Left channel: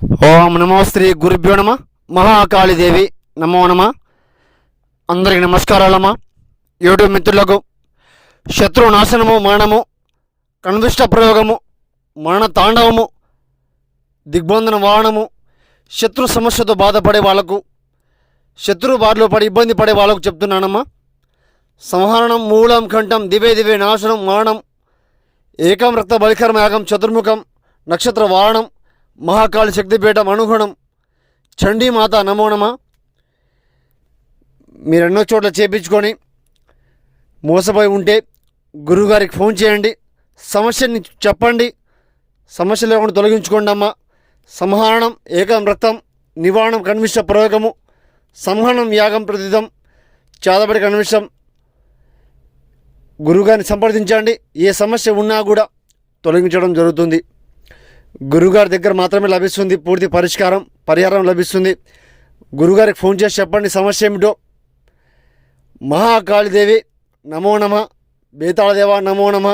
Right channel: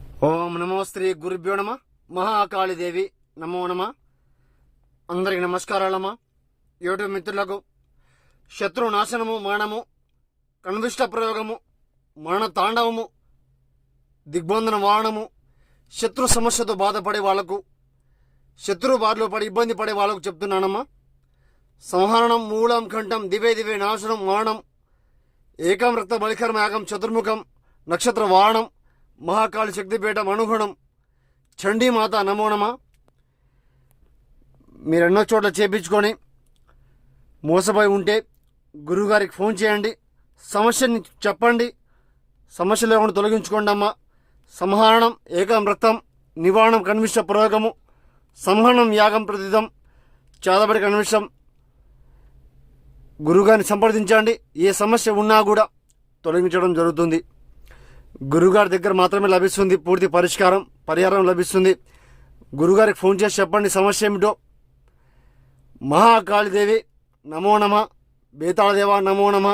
ఓం నమో శ్రీ గురుభ్యో నమ. మహాకాళీదేవి నమో నమ. అందరికి నమస్కారాలమ్మా. యూట్యూబ్ మిత్రులకు శత్రు నాశనము, మరణము, కన్విష్ట ప్రయోగము, మరణ తాండవము, దిగ్బంధన వాహనము, శత్రు సమస్యతో బాధపడే వాళ్ళకు, శత్రు బారిలో పడి ఇబ్బంది పడే వాళ్ళకు చెప్తున్నానమ్మా. సంహరణం, మూలం, కంఠం, దివే దివే నాశనం, మరణం, ఏకం రక్త బలికర్మ యాగం, చతుర్ముఖం, నక్షత్ర వాహనం, మహాకాళి శక్తిపీఠం అనుగుణం, చండీమాత నమో నమ. మీరు ఎన్నో చోట్ల చేపించుకొని మోసపోయి ఉంటే గురువుగారికి ఫోన్ చేయండి, సమస్యని చెప్పండి, సమస్య లేకుండా తొలగించుకోండి అమ్మ. సంహరణం, ఏకం రక్తం, నివారణం, కన్విష్ట ప్రయోగము, సంహరణం, యాగం, ప్రతిదం, చాదబడి కన్విష్టం. గురువుగారిని సంప్రదించండి. ఏ సమస్య ఉన్నా కూడా తొలగించడం జరుగుతుంది. గురుగారి దగ్గర మాత్రమే లభిస్తుంది పూర్తి పరిహారం లభిస్తుంది. గురుగారికి ఫోన్ చేసి చెప్పండి సమస్య ఏమిటో. మహాకాళీదేవి నమో నమ. బేతాళదేవ నమో నమ.